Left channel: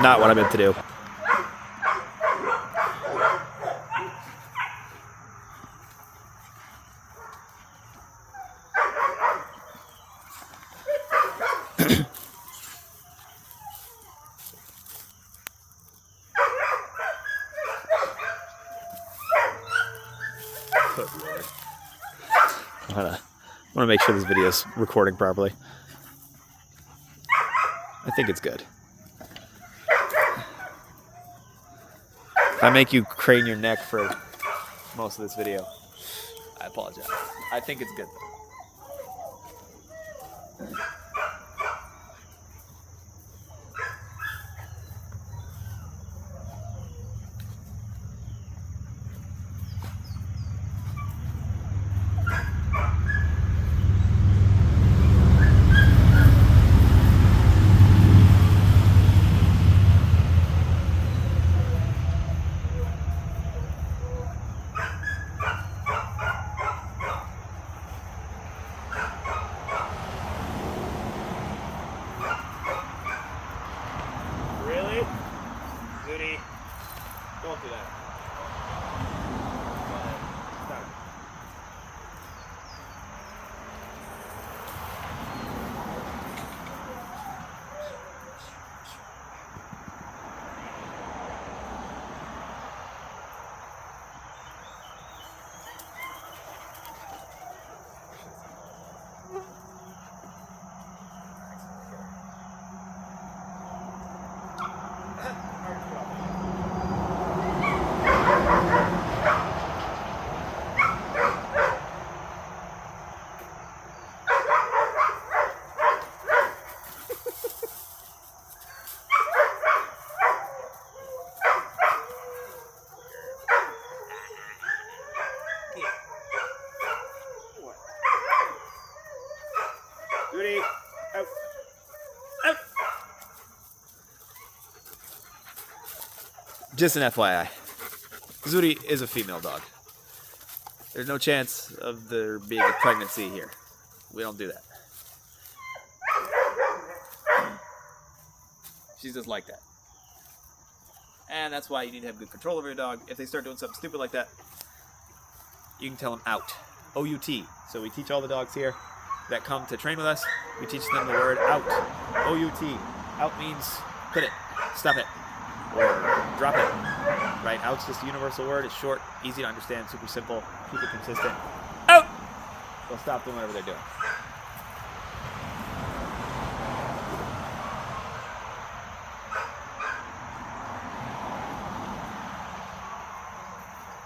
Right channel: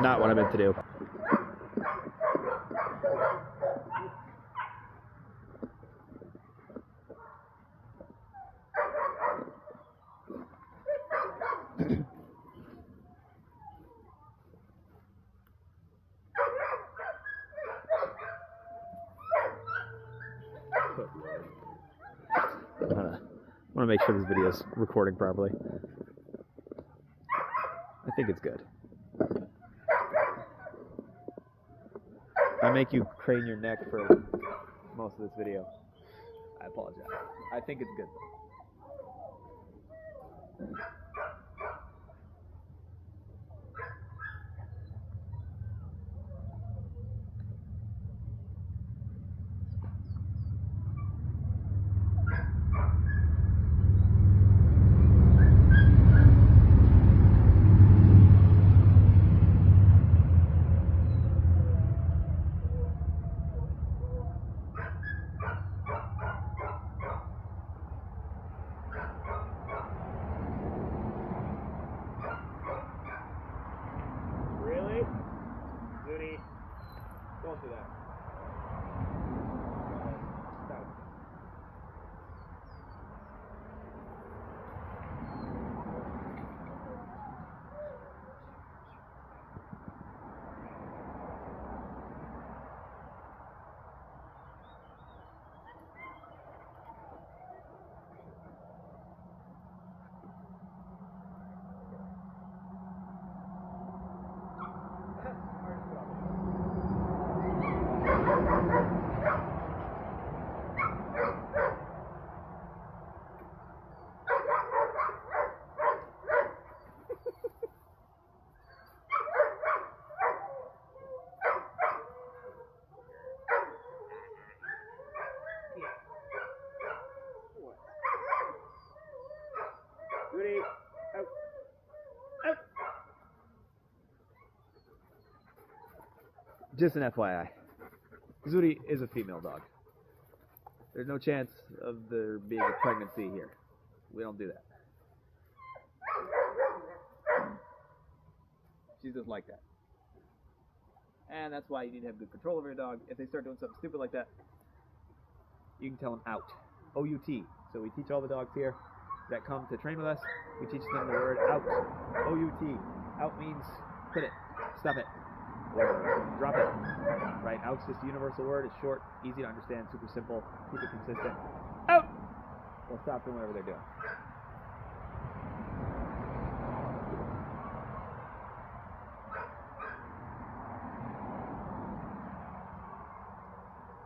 Not what I meant to do. I want to make sure this video is recording properly. I think it's good. If I make you crane your neck for most of this video, I apologize. I think it's good though. Really? Zuri, don't do that. Go ahead. Stop. Zuri, out. Out. Just an FYI, Zuri is a female dog. There's no chance of there being a pregnancy here. We don't do that. She's just like that. And that's why you need to have good control over your dog. If they start doing something stupid like that, you can tell them out. O-U-T. So we teach all the dogs here that come to train with us, we teach them the word out. O-U-T. Out means quit it, stop it, or drop it. Right? Out's just a universal word. It's short, easy to understand, super simple, keep it consistent. Out! They'll stop doing whatever they're doing.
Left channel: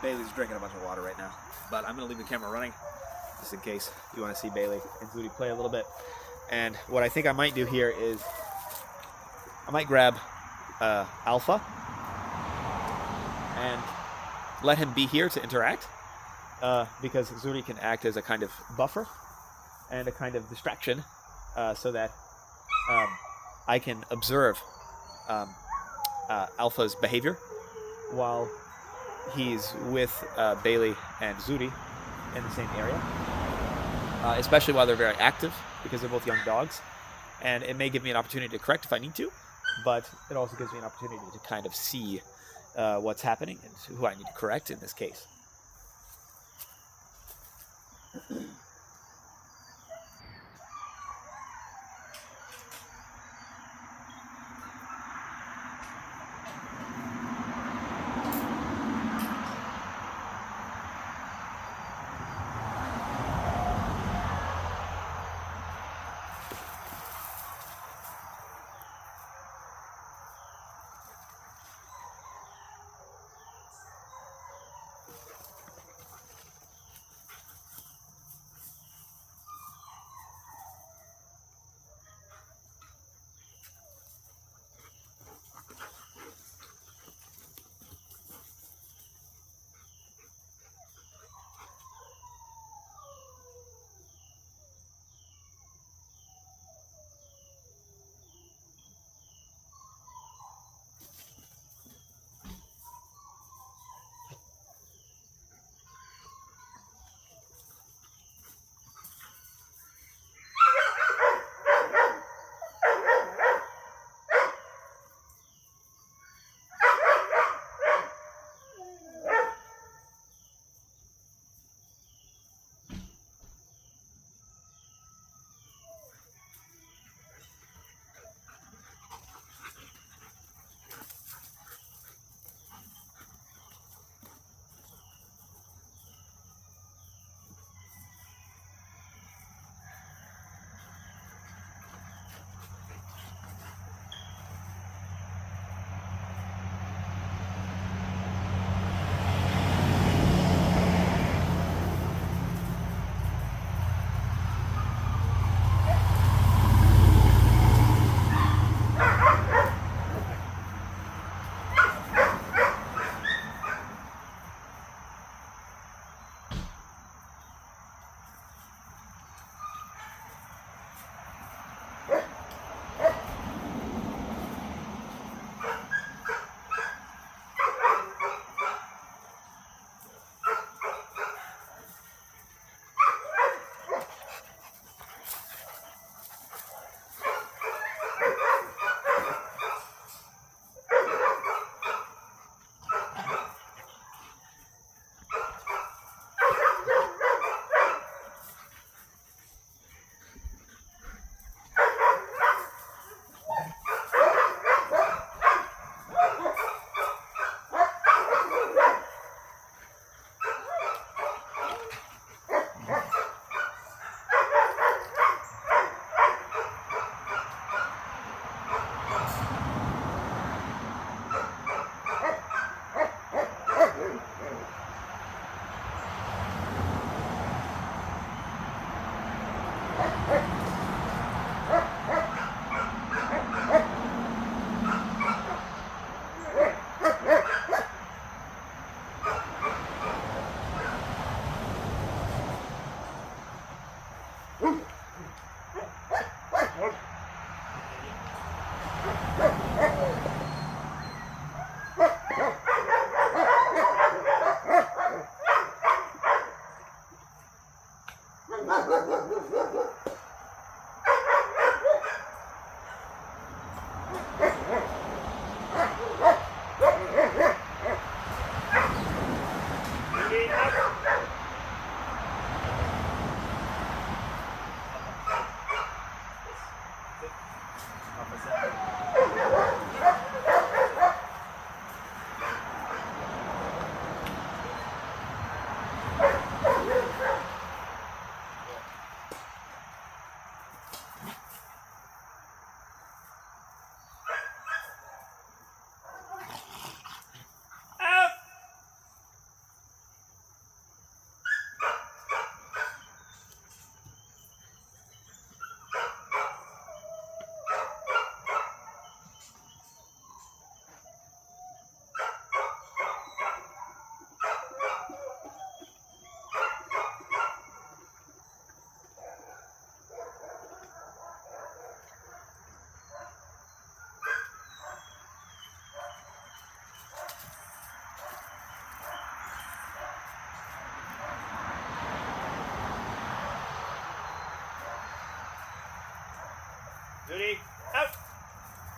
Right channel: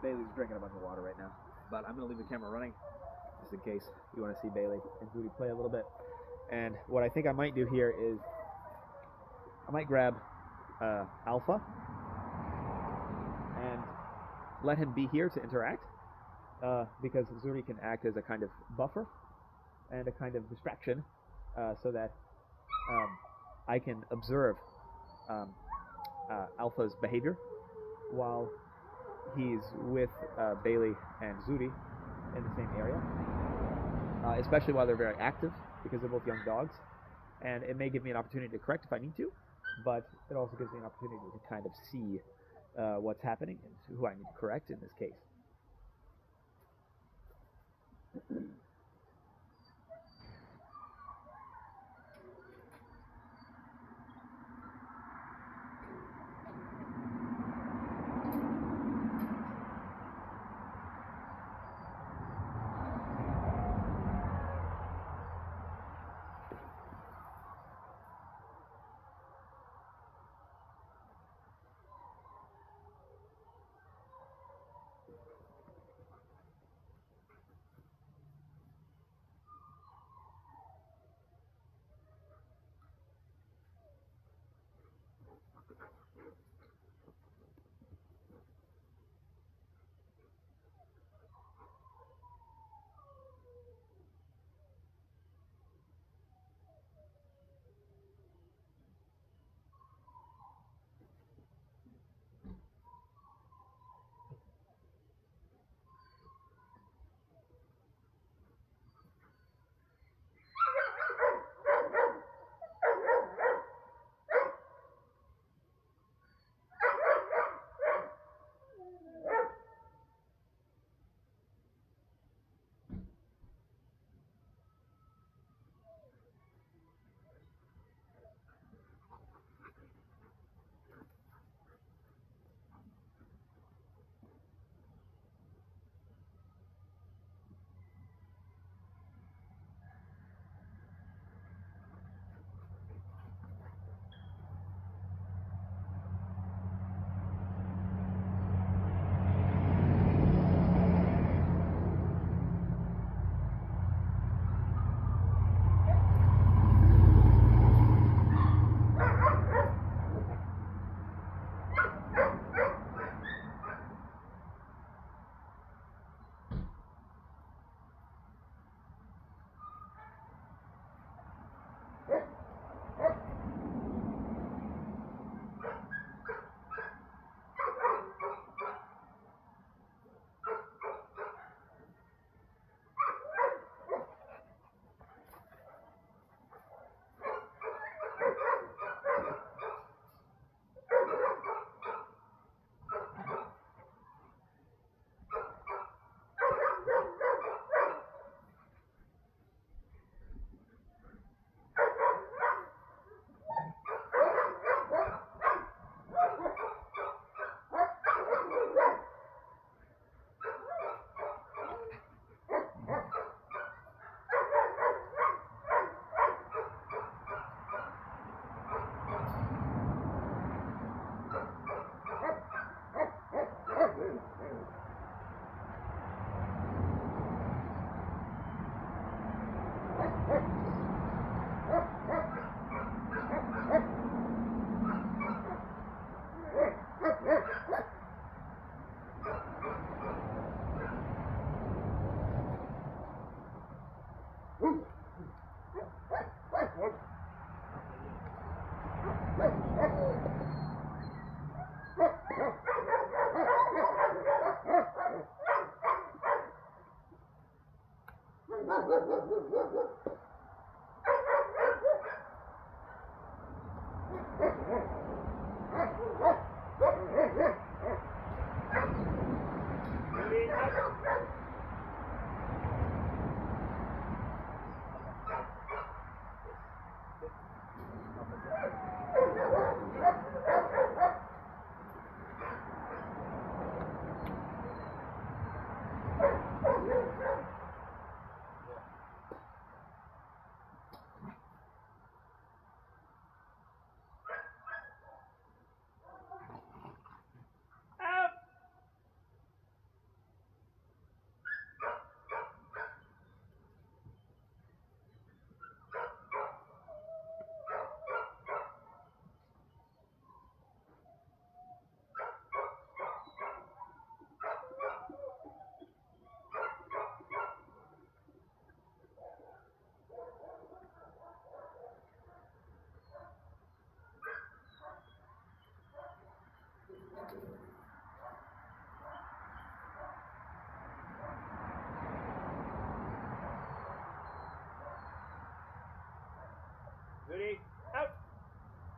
Bailey's drinking a bunch of water right now, but I'm going to leave the camera running just in case you want to see Bailey and Zuri play a little bit. And what I think I might do here is I might grab Alpha and let him be here to interact because Zuri can act as a kind of buffer and a kind of distraction so that I can observe Alpha's behavior while he's with Bailey and Zuri in the same area, especially while they're very active because they're both young dogs. And it may give me an opportunity to correct if I need to, but it also gives me an opportunity to kind of see what's happening and who I need to correct in this case.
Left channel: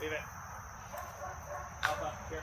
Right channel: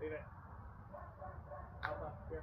Leave it. Alpha, here.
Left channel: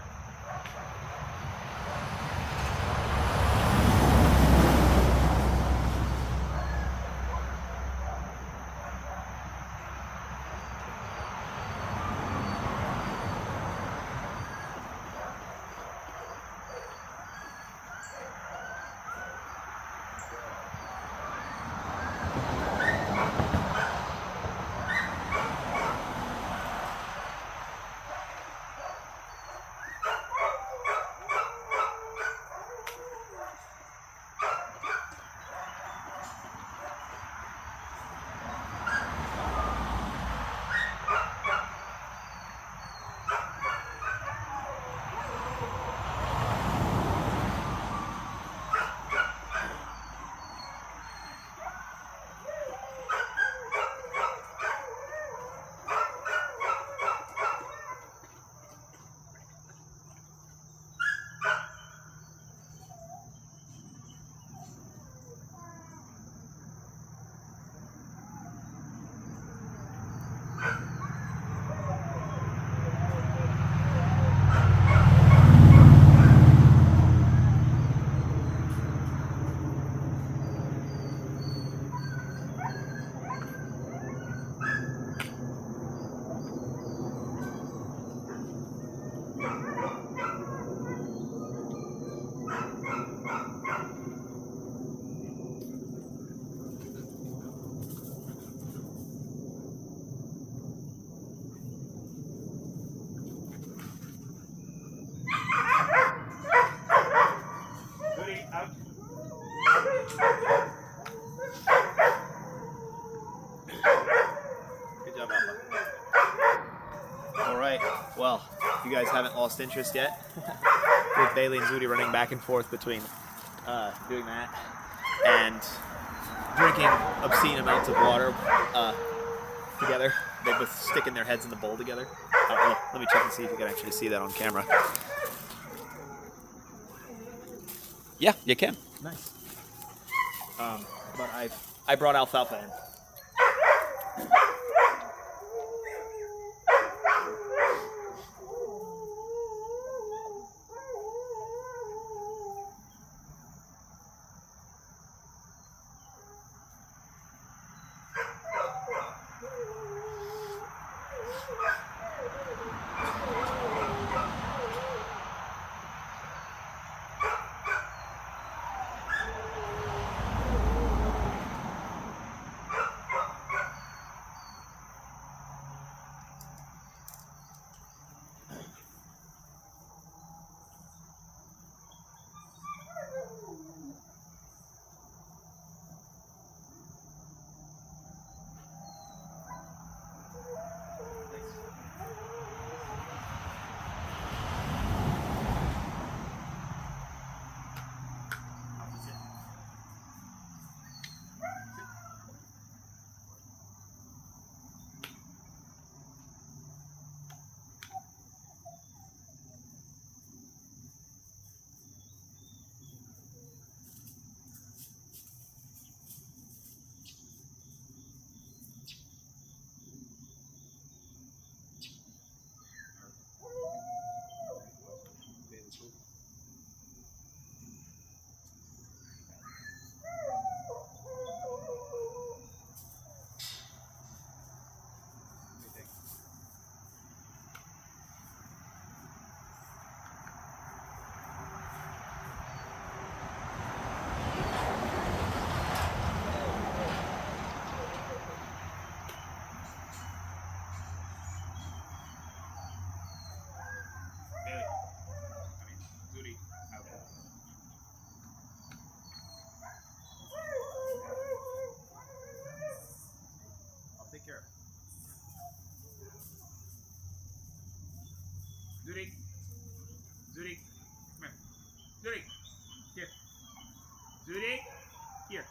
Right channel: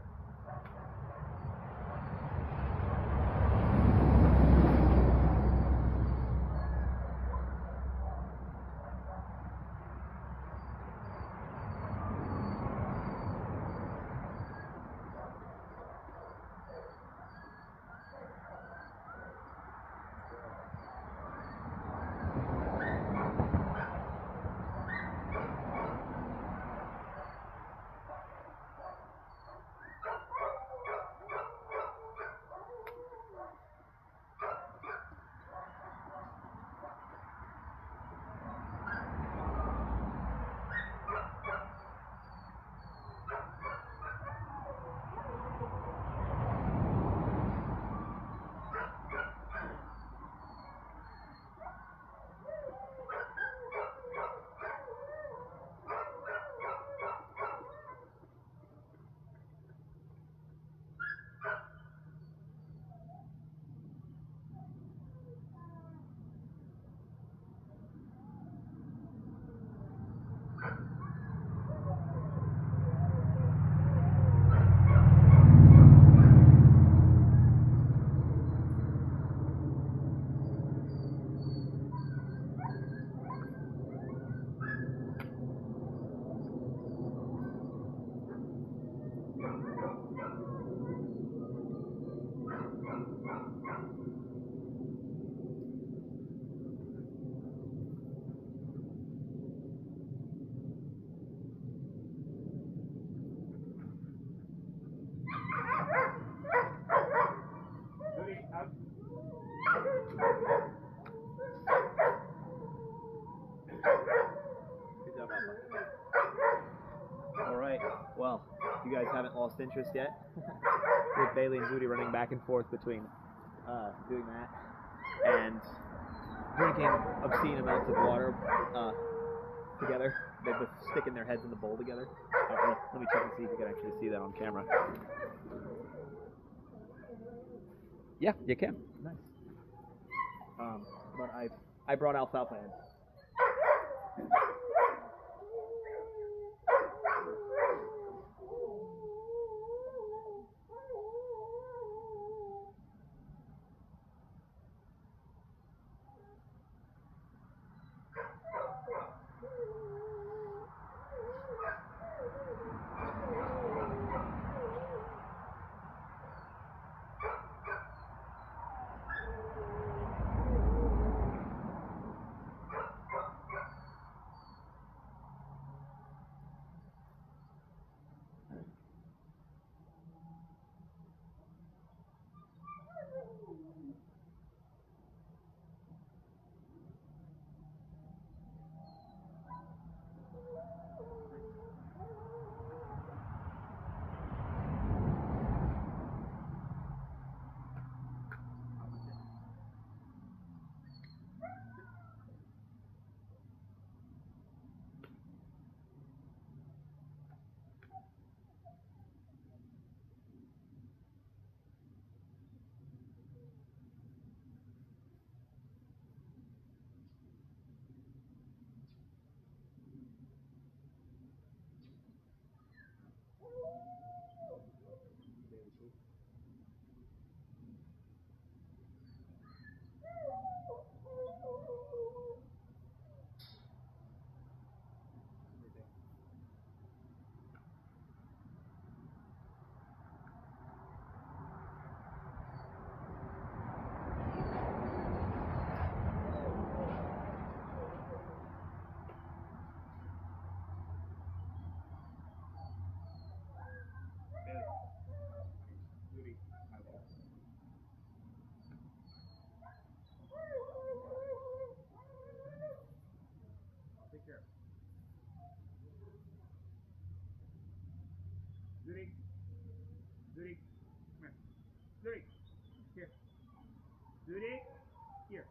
Good job, Alpha. Alright, well, you guys haven't lost interest yet with Bailey and Zuri running back and forth between doing that and drinking obscene amounts of water together. They both sticking their heads in the bowl together. Let me check and see if you can actually see that on camera. Yeah, you can. Nice. But I brought alfalfa in. Zuri, Zuri, come here. Zuri, here. Zuri, here.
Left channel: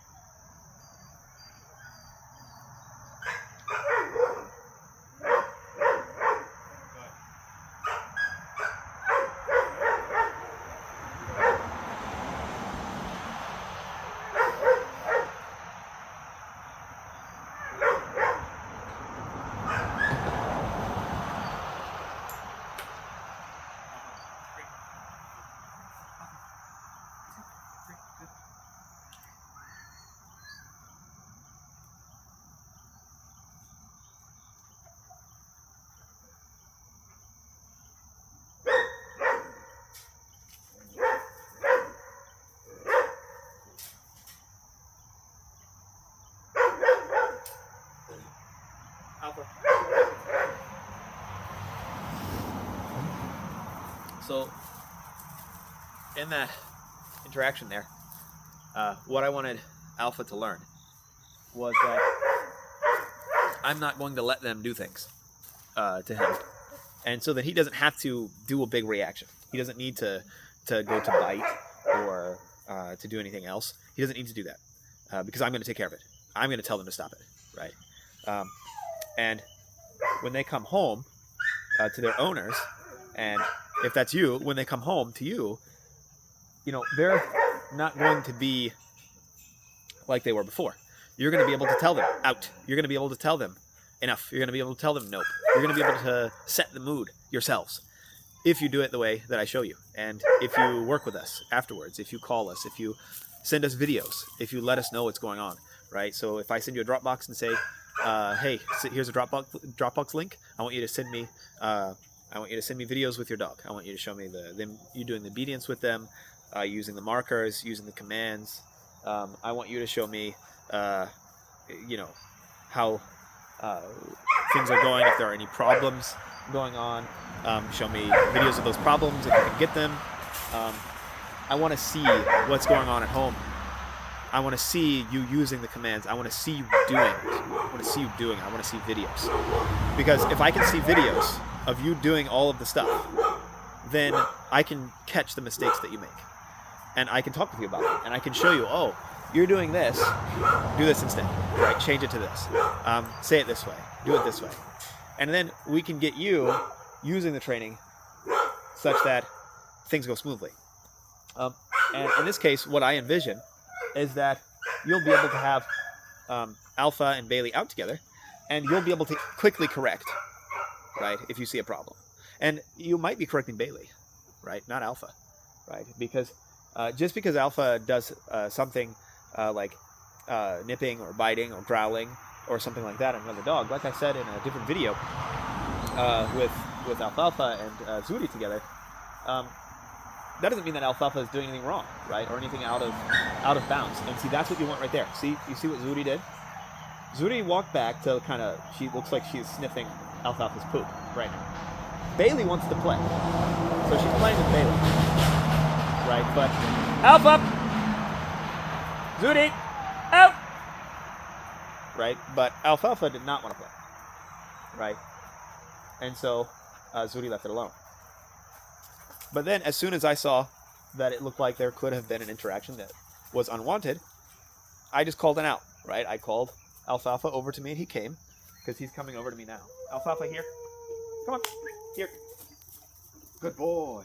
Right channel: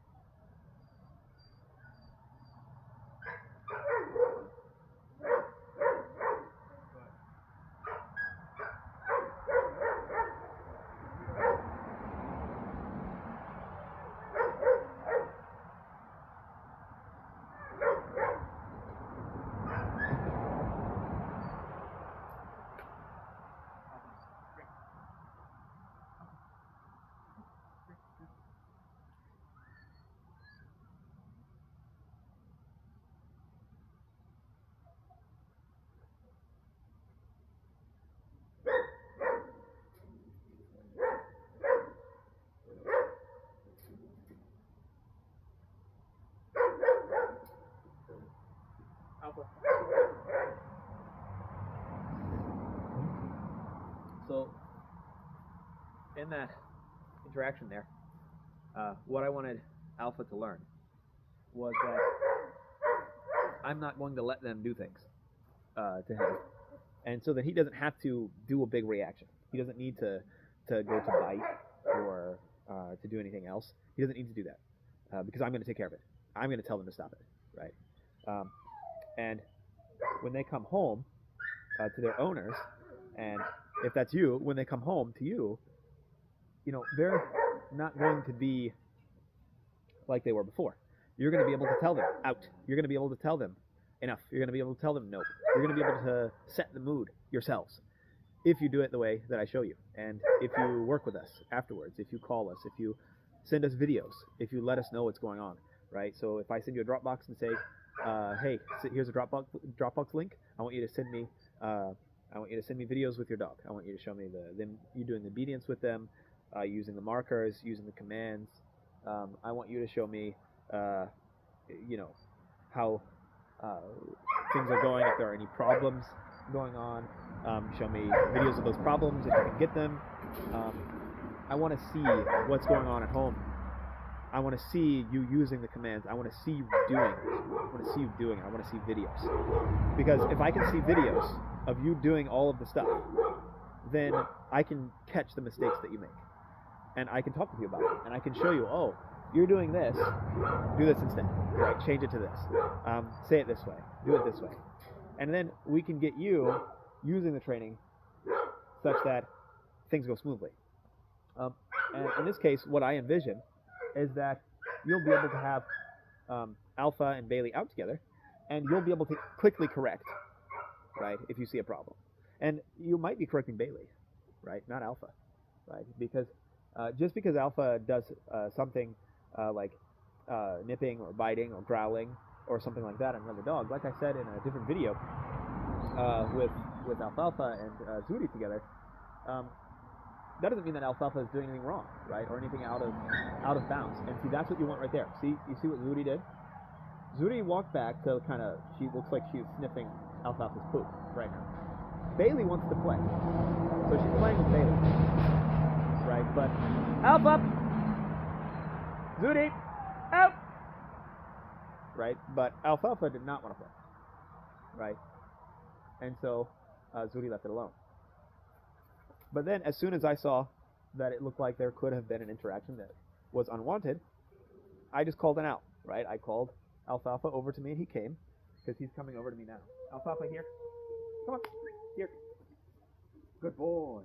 So in that interaction there, what I wanted Alpha to learn was that I'm not going to let them do things to him. And so that he doesn't have to do a big reaction. He doesn't need to go to bite or to do anything else. He doesn't need to do that because I'm going to take care of it. I'm going to tell them to stop it, right? And when they come home to their owners, and if that's you, when they come home to you, you know, they're not going to be like they were before. You're going to be able to tell them out. You're going to be able to tell them enough. You're going to be able to tell them nope. You're going to be able to set the mood yourselves if you do it the way that I show you. And if you work with us afterwards, if you call us, if you send us videos, if you let us know what's going on, right? So if I send you a Dropbox and say, hey, here's a Dropbox link. I want you to send me videos with your dog. I want you to show me you doing the obedience with them, using the markers, using the commands. I want you to show me, you know, how things are going, if there are any problems going on. Show me videos of those problems if you can get them. I want to see what's going on at home. I want to see you using the commands. I want to see you doing it. I want to see you doing it. I want to see videos. Because if I can see videos of you doing all of the stuff, then I can catch the mistakes that you make. And I can talk with you about it. And I can show you, oh, you're doing this, do this instead, right? Change it to this. Say it this way, do it this way. And then we can get you using the training such that things go smoothly. And in this case, what I envision is that you'll be able to have Alpha and Bailey out together, and you'll be able to quickly correct, right, if you see a problem. And you might be correcting Bailey, right, not Alpha, right? Because just because Alpha does something like nipping or biting or growling or something like that on another dog, like I said in a different video with Alfalfa and Zuri together, that doesn't mean that Alfalfa is doing anything wrong, right, or anything out of bounds. And see, that's what you want right there. See, you see what Zuri did? Zuri walked back to she looks like she's sniffing Alfalfa's poop right now. Bailey wants to play, so she's playing with Bailey, right? But Alpha, Zuri, out, right? But Alfalfa did not want to play, right? And so Zuri left it alone. But then, as soon as I saw that it looked like there could have been an interaction that was unwanted, I just called it out, right? I called Alfalfa over to me, and he came, because he's coming over to me now. Alfalfa, here. Come on. Here. Good boy.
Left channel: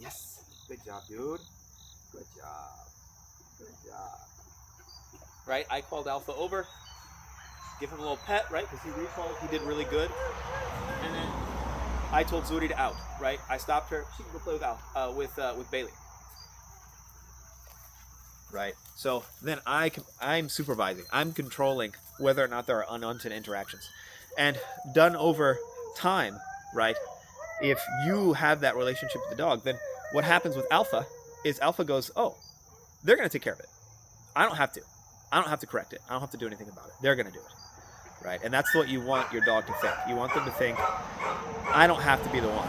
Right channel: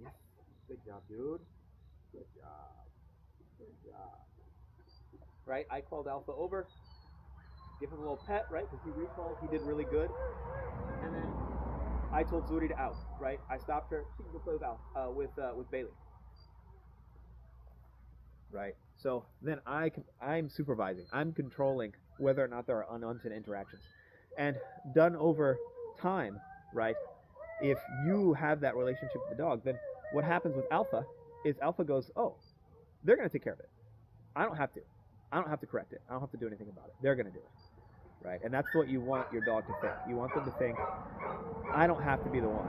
Yes. Good job, dude. Good job. Good job. Right? I called Alpha over, give him a little pet, right? Because he recalled. He did really good. And then I told Zuri to out, right? I stopped her. She can go play with Bailey. Right? So then I'm supervising. I'm controlling whether or not there are unwanted interactions. And done over time, right? If you have that relationship with the dog, then what happens with Alpha is Alpha goes, oh, they're going to take care of it. I don't have to. I don't have to correct it. I don't have to do anything about it. They're going to do it. Right? And that's what you want your dog to think. You want them to think, I don't have to be the one,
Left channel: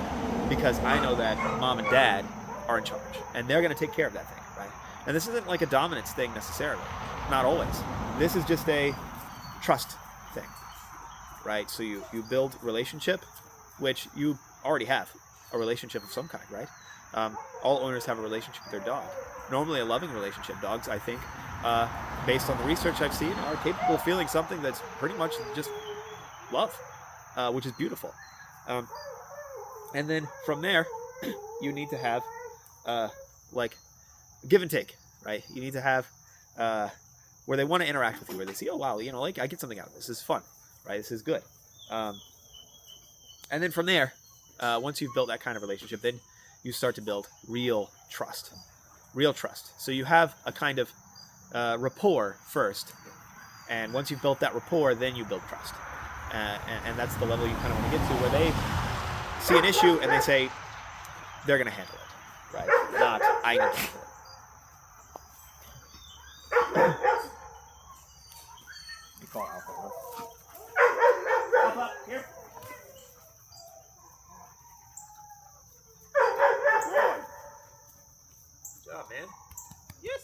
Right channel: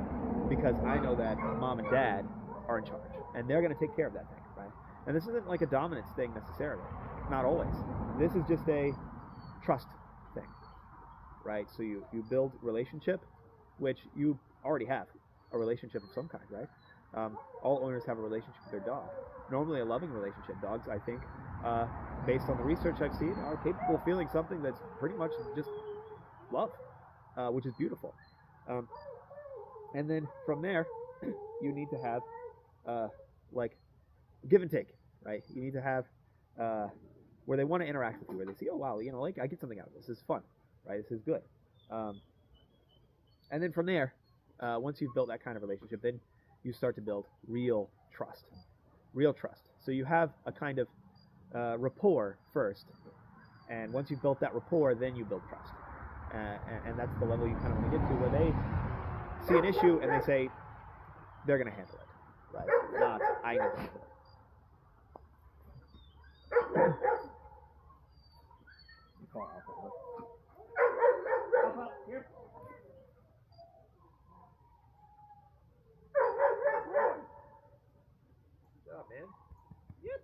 because I know that mom and dad are in charge, and they're going to take care of that thing, right? And this isn't like a dominance thing necessarily. Not always. This is just a trust thing, right? So you build relationship, which you already have a relationship of some kind, right? All owners have a relationship with their dog. Normally a loving relationship. Dogs, I think, based on the research I've seen, are capable of feeling something that's pretty much just love, which is beautiful. And then from there, you need to have like give and take, right? You need to have where they want to interact with you, where they see, oh wow, you know, like I get something out of this. This is fun, right? This is good. And then from there, once you've built that kind of relationship, then you start to build real trust. Real trust. So you have a kind of rapport first, and once you've built that rapport, then you build trust. And that's the level you kind of want to get to, where they see an issue and they say they're going to handle it, right? Not I need to handle it. You call Alpha. Alpha, here. job, man. Yes.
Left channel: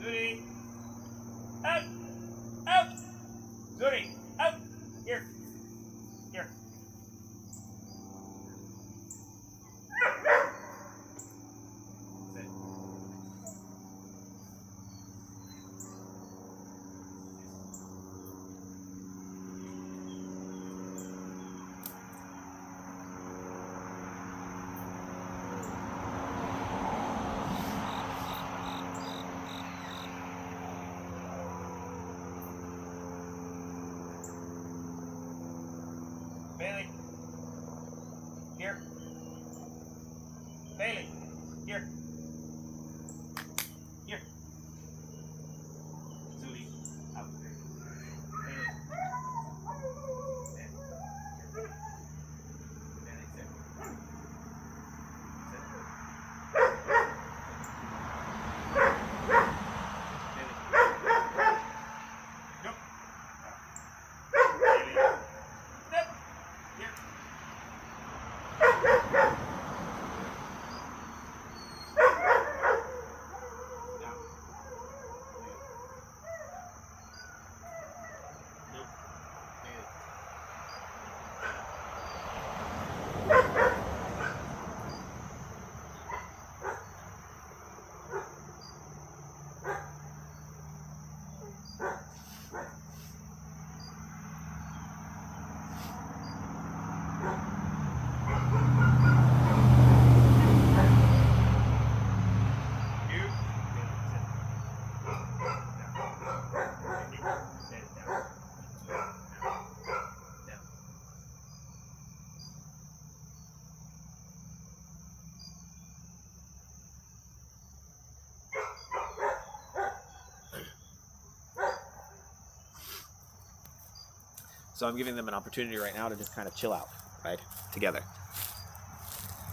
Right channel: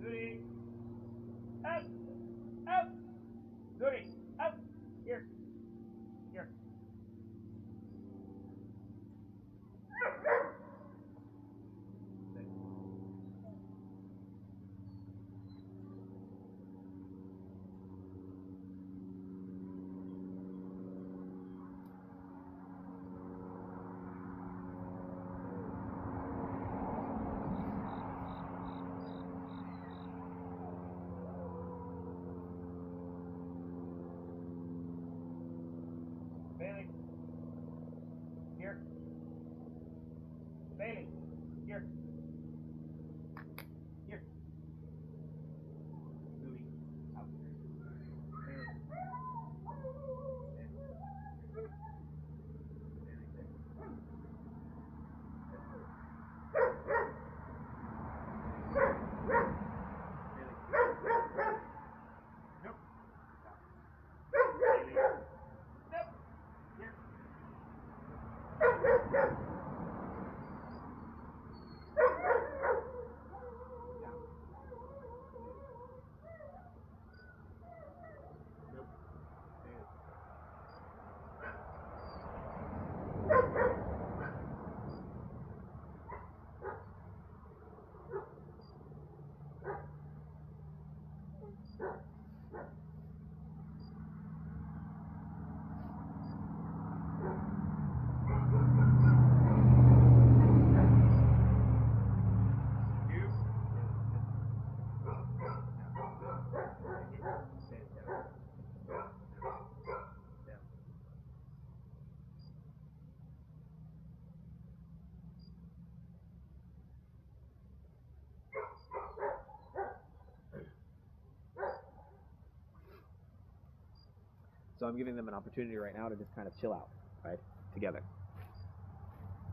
Zuri, out, out. Zuri, out. Here, here. Sit. Bailey, here. Bailey, here. Here. Zuri, out. Bailey. Sit. Here. Bailey, sit. Sit. Bailey. Nope. Bailey. Nope. Here. Down. Nope. Bailey. You. Bailey, sit. Down. Sit down. Down. So I'm giving them an opportunity right now to just kind of chill out, right, together.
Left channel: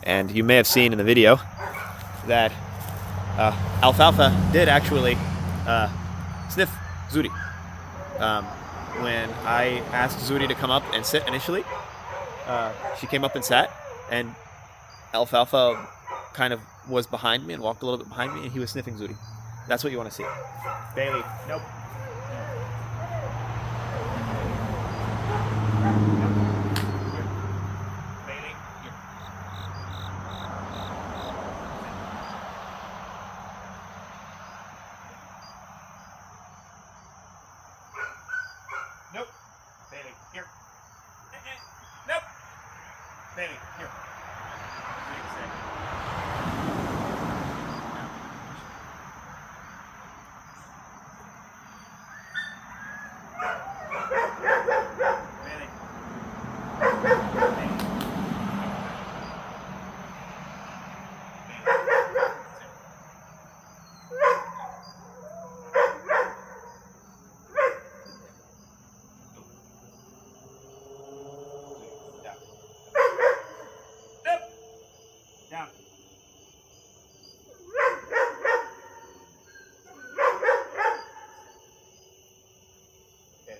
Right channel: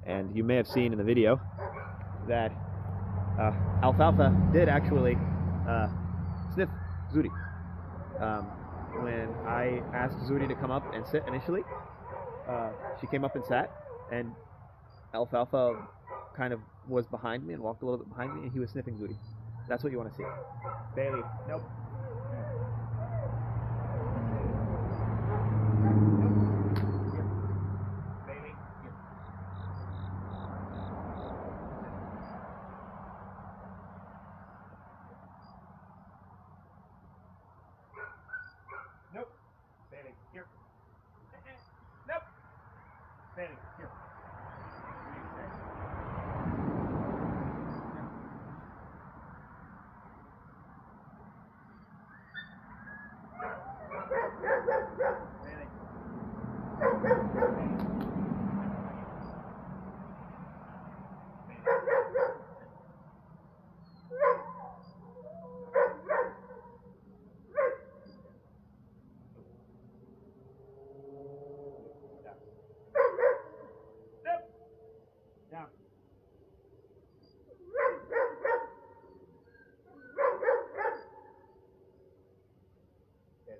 And you may have seen in the video that Alfalfa did actually sniff Zuri. When I asked Zuri to come up and sit initially, she came up and sat, and Alfalfa kind of was behind me and walked a little bit behind me, and he was sniffing Zuri. That's what you want to see. Bailey, nope. Bailey, here. Nope. Bailey, here. Nope. Bailey, here. Zuri, stay. Now. Bailey. Bailey. Down. Okay.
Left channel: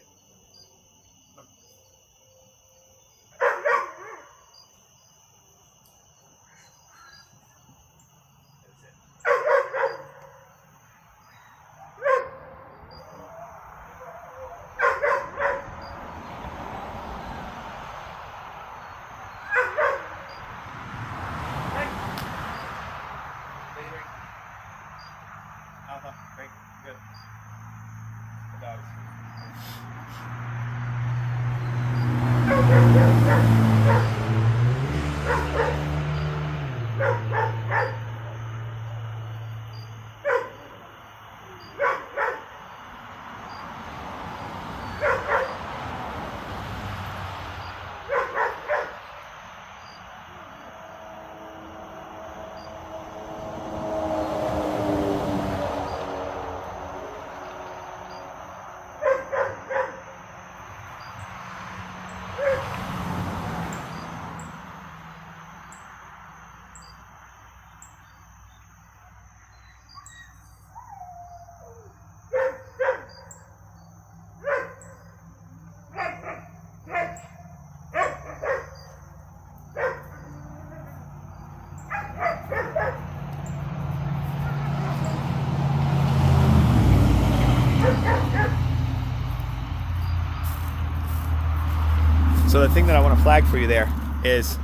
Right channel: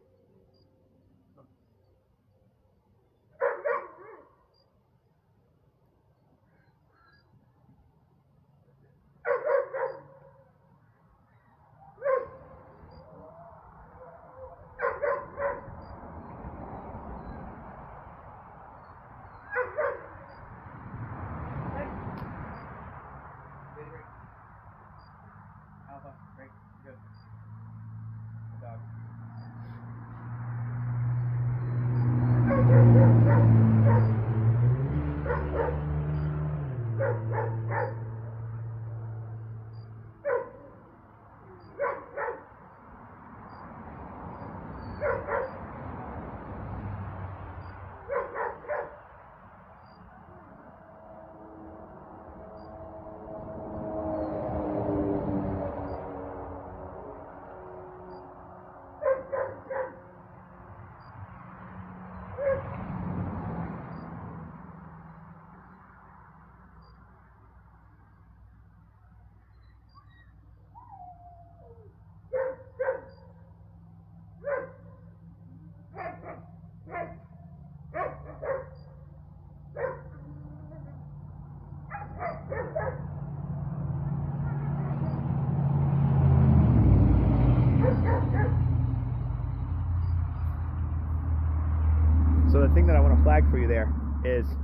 So the thing that I want to flag for you there is,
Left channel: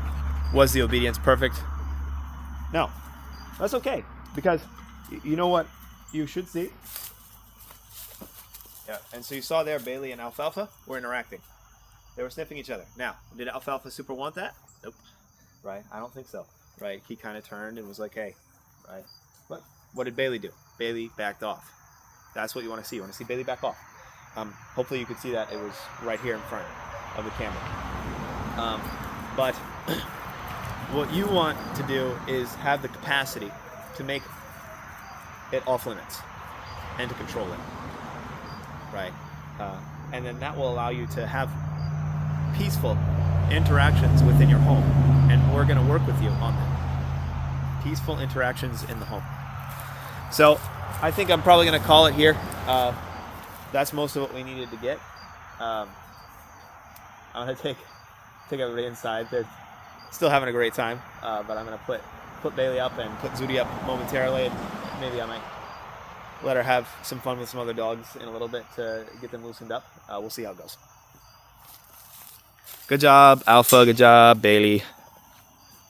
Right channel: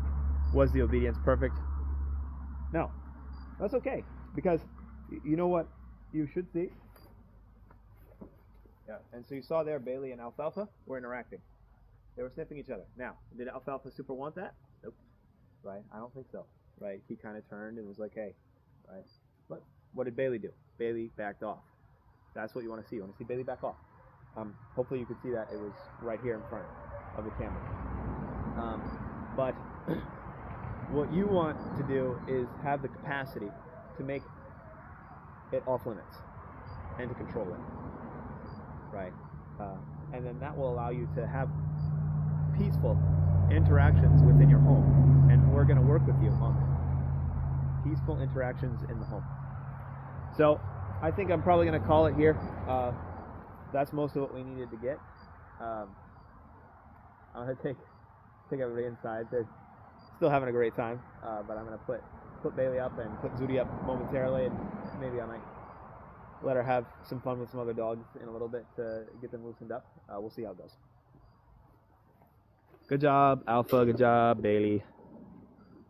was the obedience perfect? No. That's okay, because you know what you should see? Yeah, and so you saw there Bailey and Alfalfa were interacting. They were sniffing each other. Now, did Alfalfa Super want that? Nope. Right? I don't think so. Right? He kind of turned and was like, hey. Right? But what did Bailey do? Bailey backed off. That's what you want to see. You want to see Bailey back off. Hopefully you could see that. It was right here in front of the camera. But what you want to do is have the capacity to make it off limits and to control it. Right? And then that will allow you to have peaceful interactions within your home. And we're going to work with you on that. Peaceful interactions in the home. So I think I'm probably going to call it here. That's most of what we needed to get. I'm going to take everybody inside. They're still having a great time, but I'm going to put Bailey up and put Zuri up momentarily, and maybe I might let her have some fun with some other dogs in a little bit to get them loosened up. We'll see how it goes. Good job, Alpha. Good job, Bailey.